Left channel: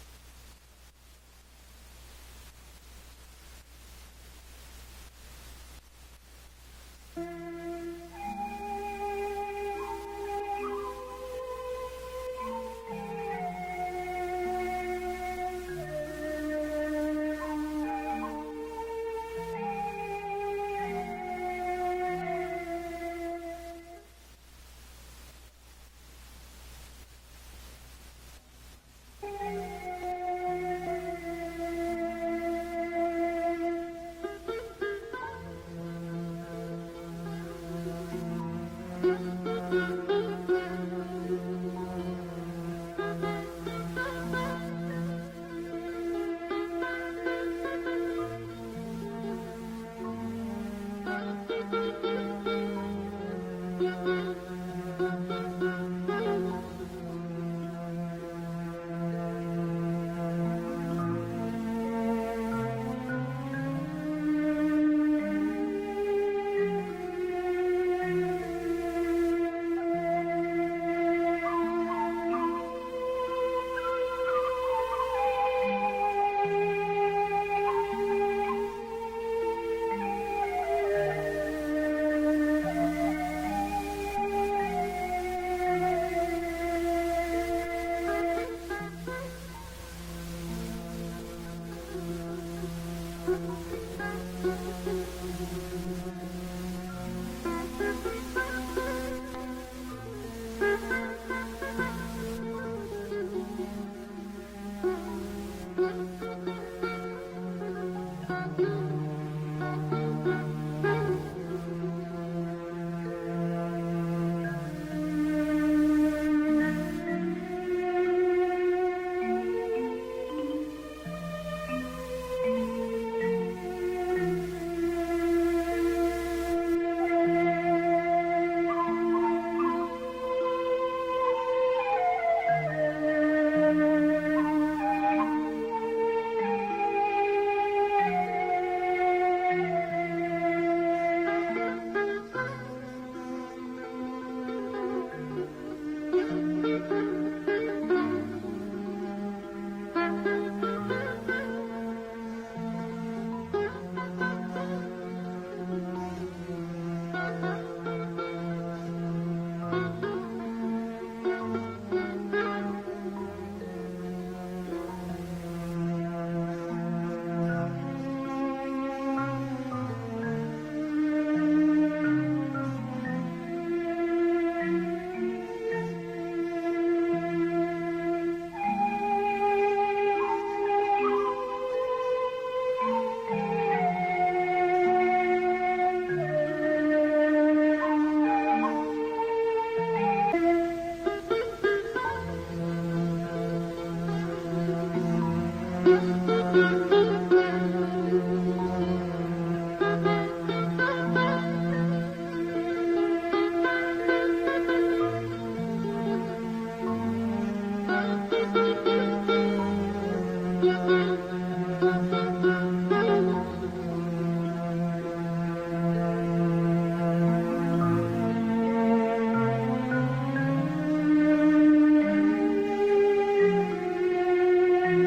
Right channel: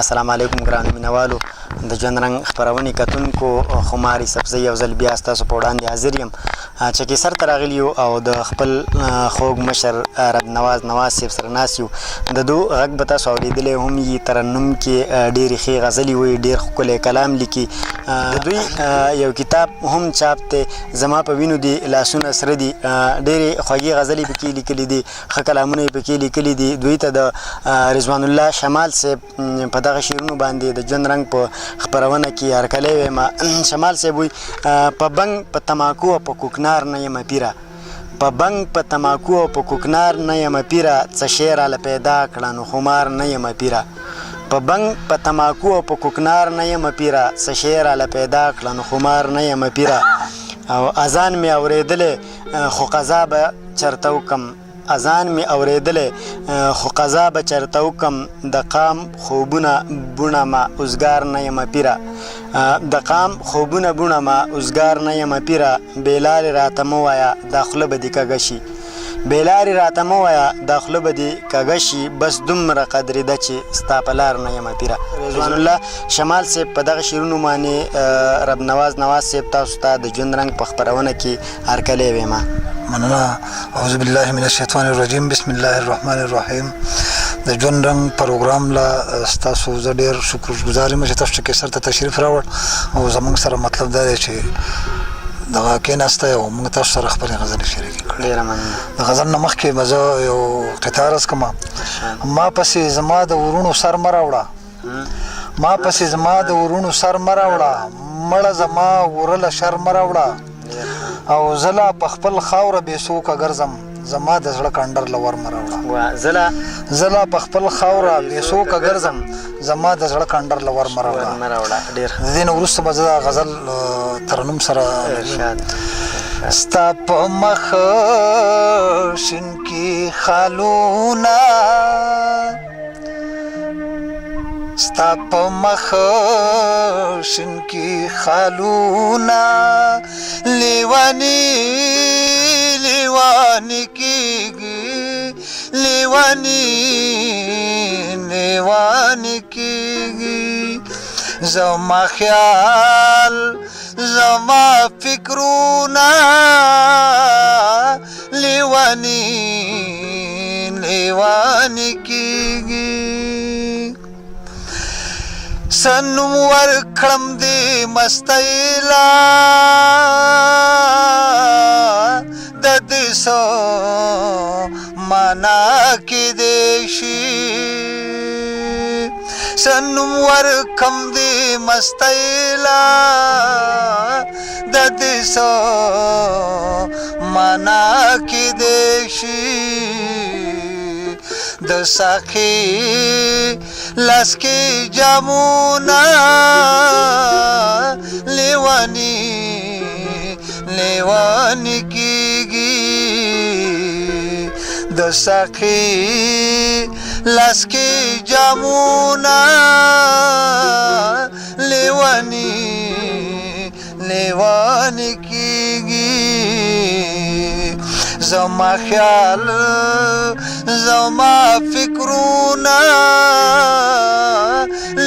السلام علیکم ګرانو مینوالو د ژوند رنګ خپرونې کتونکو خماري سبزی یو ځل بیا ستاسو په وړاندې حاضر یم چې کیسر ته راغلي یو او د خپل خوږ مشر رب نواز صاحب سره ناست یو د دو غږ به تاسو اورېدلی هم یي ترنم کې ډېرې ښې غزلې وایي ډېر ښکلی کلام لیکي د دوی یو کتاب هم چاپ دی زما په وینو دي لاسونه سره دي ډېرې خوږې غزلې پکې لیکلي دي ښه کلامونه یې پکې لیکلي دي دوی ته د رضوان الله شمال صاحب په دغه شعرونو باندې د ژوند رنګ په خپرونه کې هرکلی ویم شمال صاحب وایي په بنګ په تماکو او په کوکنار نه یم پیره په بنګ په تماکو او په کوکنار نه یم پیره څه شی راله پیدا کړه نو خمار نه یم پیره په بنګ په تماکو او په کوکنار نه یم پیره څه شی راله پیدا کړه نو خمار نه یم پیره او اذان مې اورېدلی خو قضا به چرته وکم اذان مې اورېدلی خو قضا به چرته وکم د قام خوبونه بوڼه ما اوزګار نه یم پیره د قام خوبونه بوڼه ما اوزګار نه یم پیره بېلارې راته مه وایه دا خوله به دې کږه شي بېلارې راته مه وایه دا خوله به دې کږه شي بس دومره قدرېده چې ستا په لار نه یم پیره رضوان الله شمال صاحب په دغه شعرونو باندې رب نواز صاحب تاسو ته د ژوند رنګ په خپرونه کې هرکلی ویمه مننه اعوذ بالله من الشیطان الرجیم بسم الله الرحمن الرحیم د ژوند رنګ پروګرام له ستاسو زه ډېر شکرګزار یم چې تاسو کیسر ته تشریف راوړ او زموږ سره مطلب دا دی چې دغه کېناستی او موږ تاسو سره خپلې غزلې شریکې کړې ډېره مننه د غزل نه مخکې به زه یو قطعه عرض کړم ما پسې زما د ورونو سر مه راوړه ما پسې زما د ورونو سر مه راوړه مړه زما ورله شر مه راوړه او زه لا په خپل خاوره بې څوکه ګرځم زما د زړه کنډر له ور مه راوړه زه لا په خپل خاوره بې څوکه ګرځم زما د زړه کنډر له ور مه راوړه د دې نه وروسته به زه دا غزل ترنم سره ستا په مخ شین کې خالونه ستا په مخ شین کې خالونه لیوانی لیوانی کیږي لیوانی لیوانی کیږي زما خیال زما فکرونه لیوانی لیوانی کیږي سنم ورکړم دې مستیلا د دې سو معنا کې دې شي سنم ورکړم دې مستیلا د دې سو معنا کې دې شي د ساقي لاس کې جامونه لیوانی لیوانی کیږي د ساقي لاس کې جامونه لیوانی لیوانی کیږي زما خیال زما فکرونه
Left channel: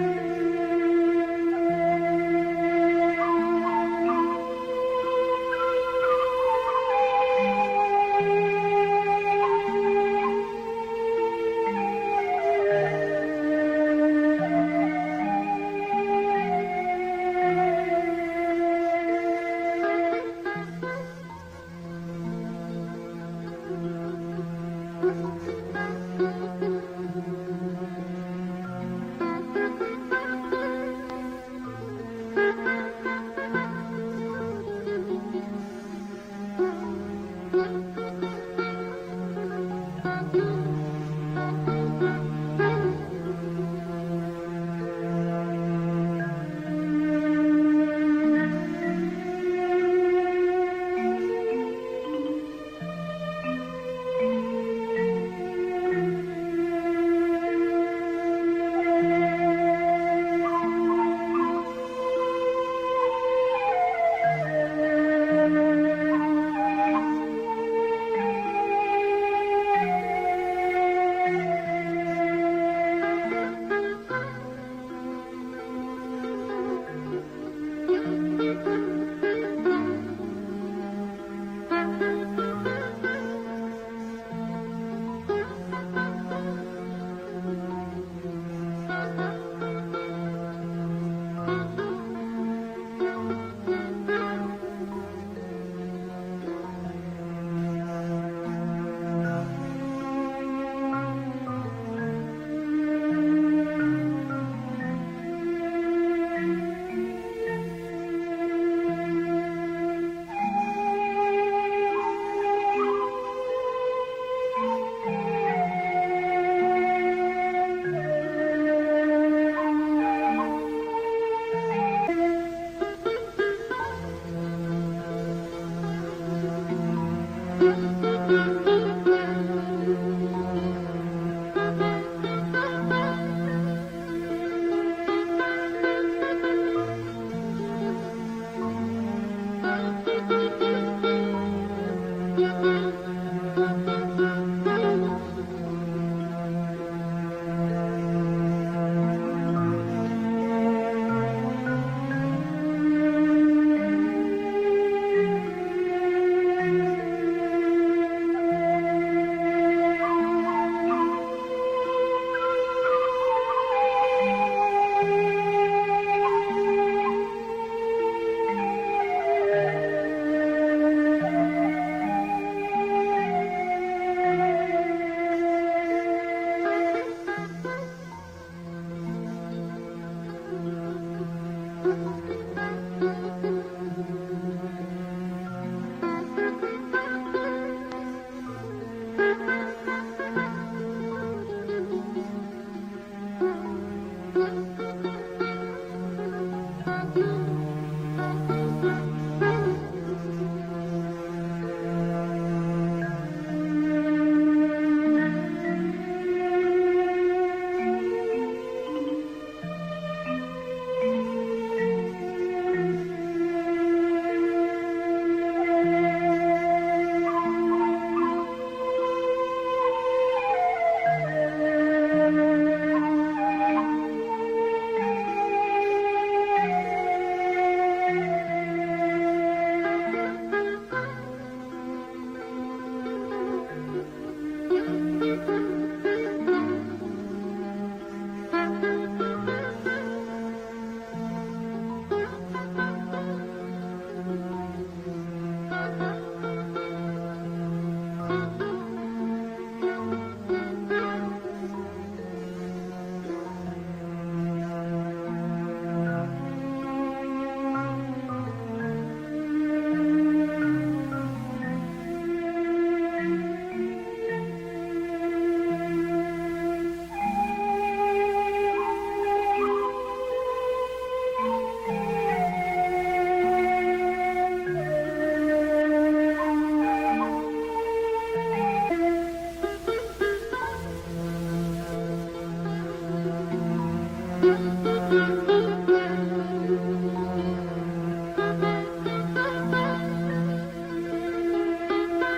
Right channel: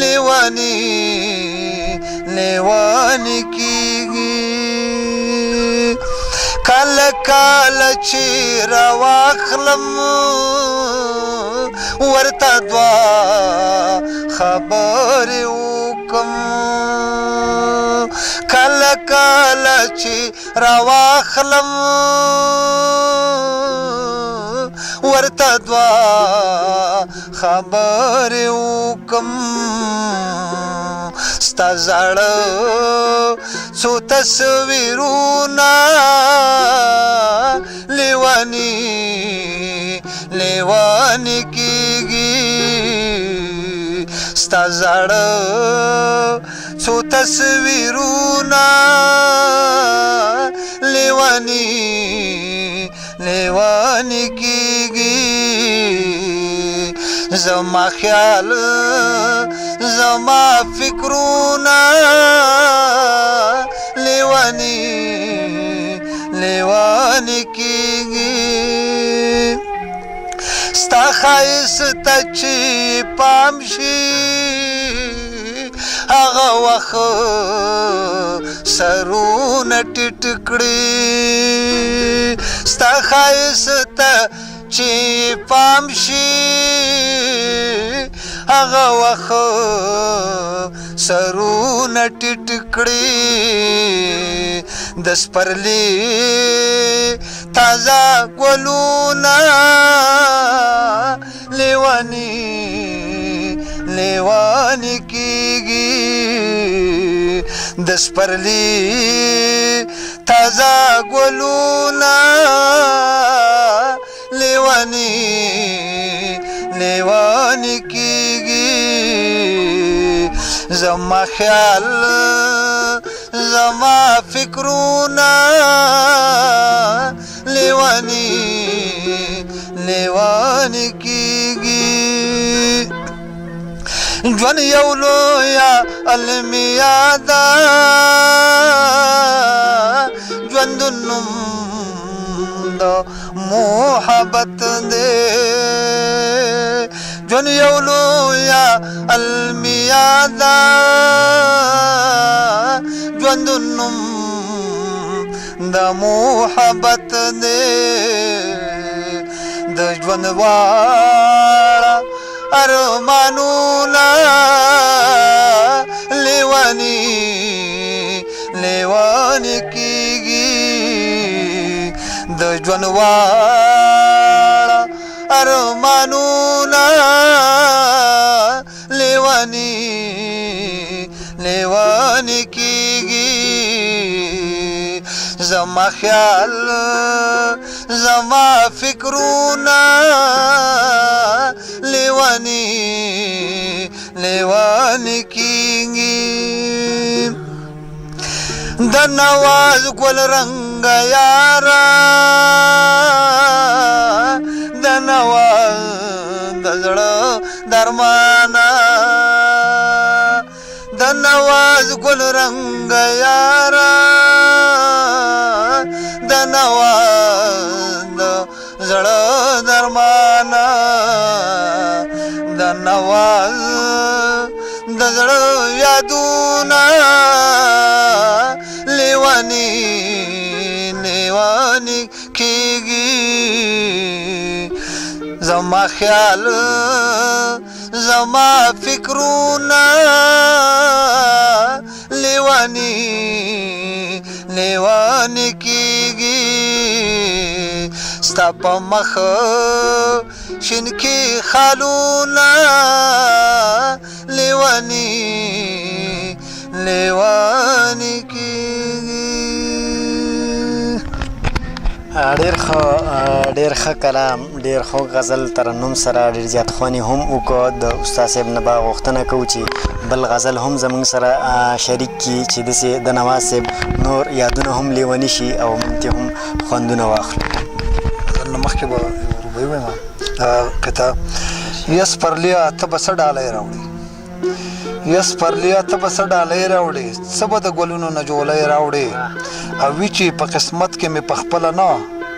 لیوانی لیوانی کیږي کله کله چې راواخلم ورته دوه خبرې وکم کله کله چې راواخلم ورته دوه خبرې وکم ستا زاړه څو تصویرونه لیوانی لیوانی کیږي ستا زاړه څو تصویرونه لیوانی لیوانی کیږي زما خیال زما فکرونه لیوانی لیوانی کیږي ستا ښایست ته چې پام شي واخه سرونه ټیټ کړي ستا ښایست ته چې پام شي هغه واخه سرونه ټیټ کړي د سپرلي تازه ګلونه لیوانې کېږي د سپرلي تازه ګلونه لیوانې کېږي زما خیال زما فکرونه لیوانې کېږي ژوند یو لویه المیه ده ژوند نوم د محبت دی ژوند یو لویه المیه ده ژوند نوم د محبت دی د ژوند واړه ارمانونه لیوانې کېږي د ژوند واړه ارمانونه لیوانې کېږي زما خیال زما فکرونه لیوانې کېږي د نواز ګل رنګ یاره د نواز د زړه درمانه د نواز ګل رنګ یاره د نواز د زړه درمانه د نواز د زړه یادونه لیوانې کېږي زما خیال زما فکرونه لیوانې کېږي ستا په مخ شینکي خالونه لیوانې کېږي ډېر ښه کلام ډېر ښه غزل ترنم سره ډېر زیات خوانې هم وکړو د استاد صاحب نه به غوښتنه کوو چې بل غزل هم زموږ سره شریک کړي چې داسې د نواز صاحب نور یادونه هم لیوني شي او موږ هم خوندونه واخلو مخکې به ووایم کتاب یس پرلیا ته به څه ډالۍ راوړې یس پرلیا ته به څه ډالۍ راوړې څه به د ګلونو نه جولۍ راوړې او وي چې په قسمت کې مې په خپله نه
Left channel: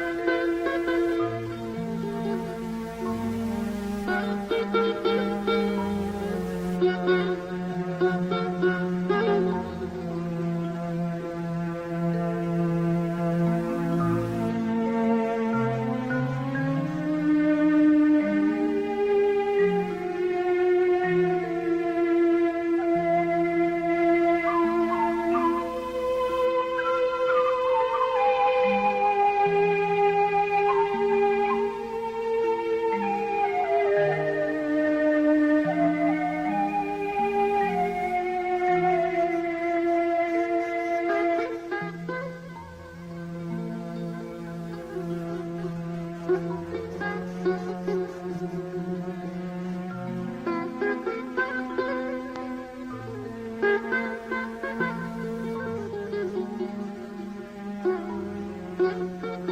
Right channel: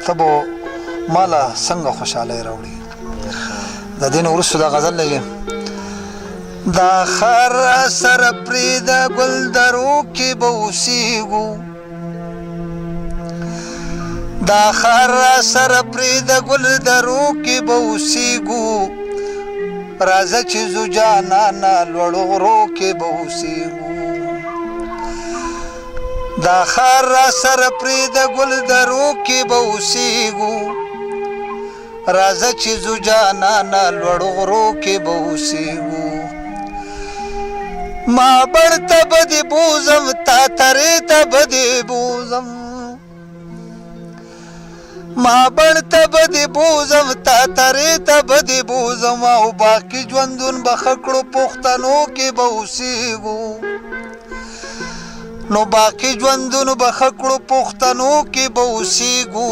ته به ماله څنګه خوشحالۍ راوړې د دې نه وروسته دا غزل لګي دا خر سره پرېږده ګل درو کې به اوسېږو دا خر سره پرېږده ګل درو کې به اوسېږو راځه چې زو جانانه لوړو غرو کې به اوسېږو دا خر سره پرېږده ګل درو کې به اوسېږو راځه چې زو جانانه لوړو غرو کې به اوسېږو ما بړته به دې بوزم تا ترې ته به دې بوزم ما بړته به دې بوزم تا ترې ته به دې بوزم او باقي ژوندون به ښه کړو پښتنو کې به اوسېږو نو باقي ژوندون به ښه کړو پښتنو کې به اوسېږو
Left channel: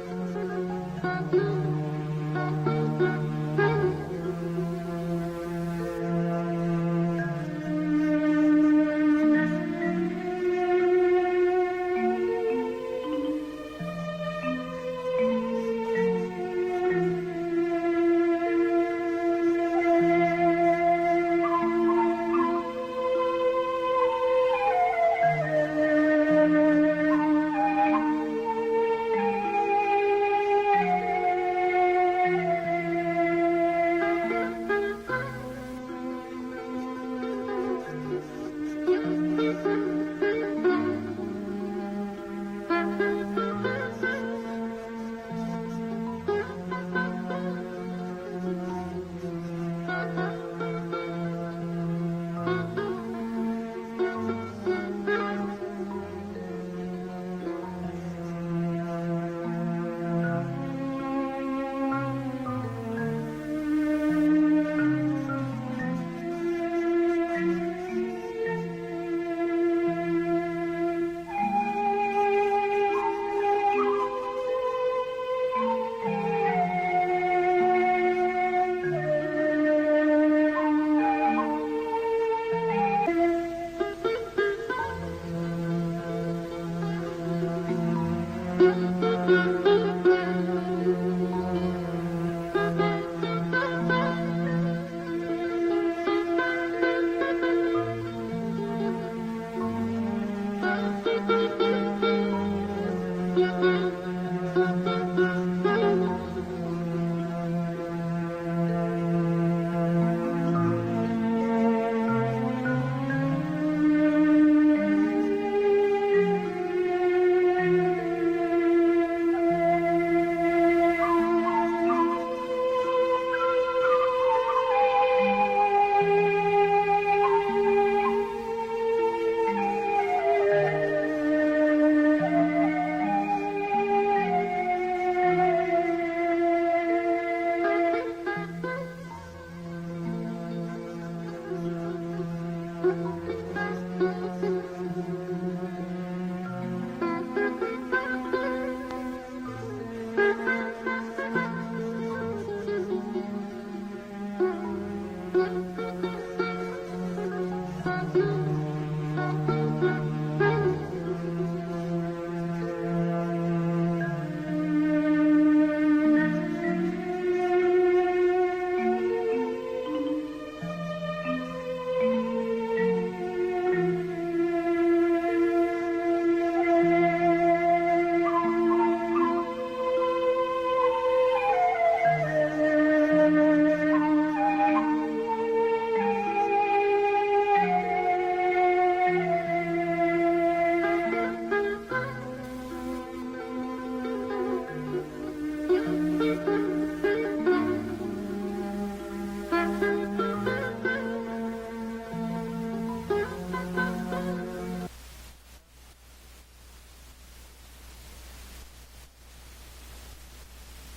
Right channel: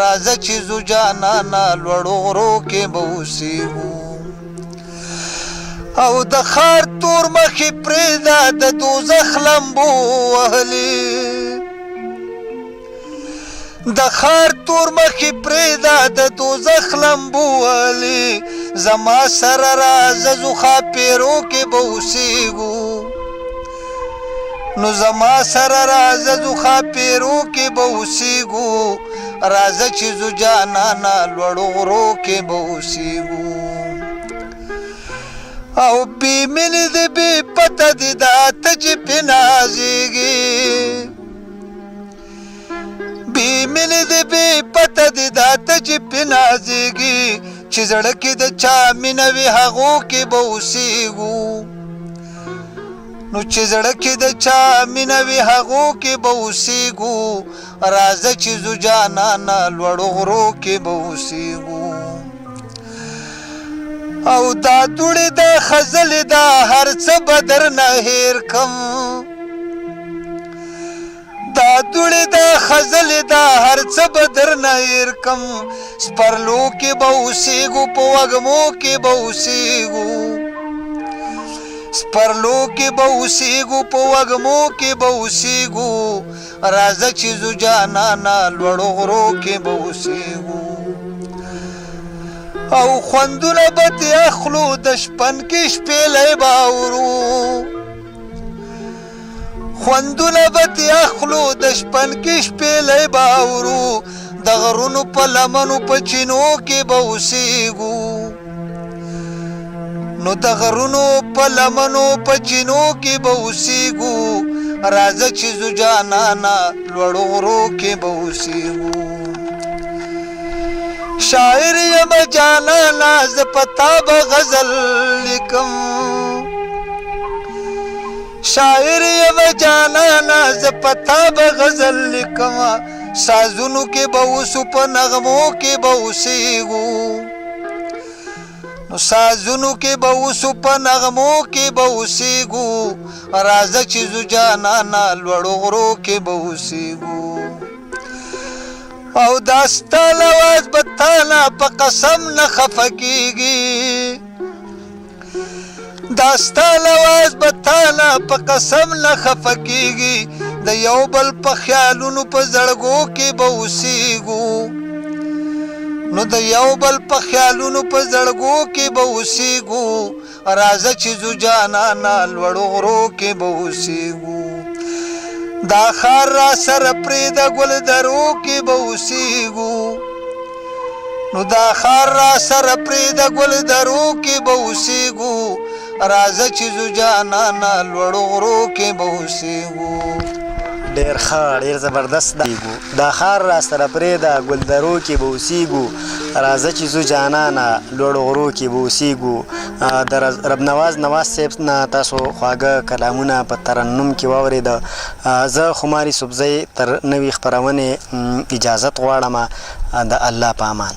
راځه چې زو جانانه لوړو غرو کې به اوسېږو او د ښار تور مخې پرېږده د دوزخ لمبو وهلې د ښار تور مخې پرېږده د دوزخ لمبو وهلې زما سره راځه زو ښاپېرو کې به اوسېږو نو زما سره راځه ځو ښاپیرو کې به اوسېږو راځه چې ځو جانانه لوړو غرو کې به اوسېږو او بې مینې د بې پته دې دا ته چې پې نازېږې بې مینې د بې پته دې دا ته چې پې نازېږې چې زړه کې د چا مینه وي هغو کې به اوسېږو نو چې زړه کې د چا مینه وي هغو کې به اوسېږو راځه چې ځو جانانه لوړو غرو کې به اوسېږو او دا دوړې د خزلې دا هر څه به درنه هېر کم دا دوړې د خزلې دا هر څه به درنه هېر کم سپرلو کې به اوسېږو په وږمو کې به اوسېږو سپرلو کې به اوسېږو په وږمو کې به اوسېږو راځه چې ځو جانانه لوړو غرو کې به اوسېږو او خوندونه به تې اخلو د شپن کې شپېلی به اورو خوندونه به تې اخلو د شپن کې شپېلی به اورو د غرونو په لمنو په چینو کې به اوسېږو نو د غرونو په لمنو په چینو کې به اوسېږو راځه چې ځو جانانه لوړو غرو کې به اوسېږو شاعر یم جانانه زه په تا به غزل لیکم شاعر یم جانانه زه په تا به غزل لیکم سازونو کې به اوسو په نغمو کې به اوسېږو سازونو کې به اوسو په نغمو کې به اوسېږو راځه چې ځو جانانه لوړو غرو کې به اوسېږو او دا ستا لواز به تاله په قسم نه خفه کېږي دا ستا لواز به تاله په قسم نه خفه کېږي د یو بل په خیالونو په زړګو کې به اوسېږو نو د یو بل په خیالونو په زړګو کې به اوسېږو راځه چې ځو جانانه لوړو غرو کې به اوسېږو دا ښار را سره پرېږده ګل درو کې به اوسېږو نو دا ښار را سره پرېږده ګل درو کې به اوسېږو راځه چې ځو جانانه لوړو غرو کې به اوسېږو ډېر ښه ډېر زبردست دا ښار را سره پرېږده ګلدرو کې به اوسېږو راځه چې ځو جانانه لوړو غرو کې به اوسېږو د رب نواز صاحب نه تاسو خواږه کلامونه په ترنم کې واورېده زه خماري صوبزی تر نوې خپرونې اجازت غواړم د الله په امان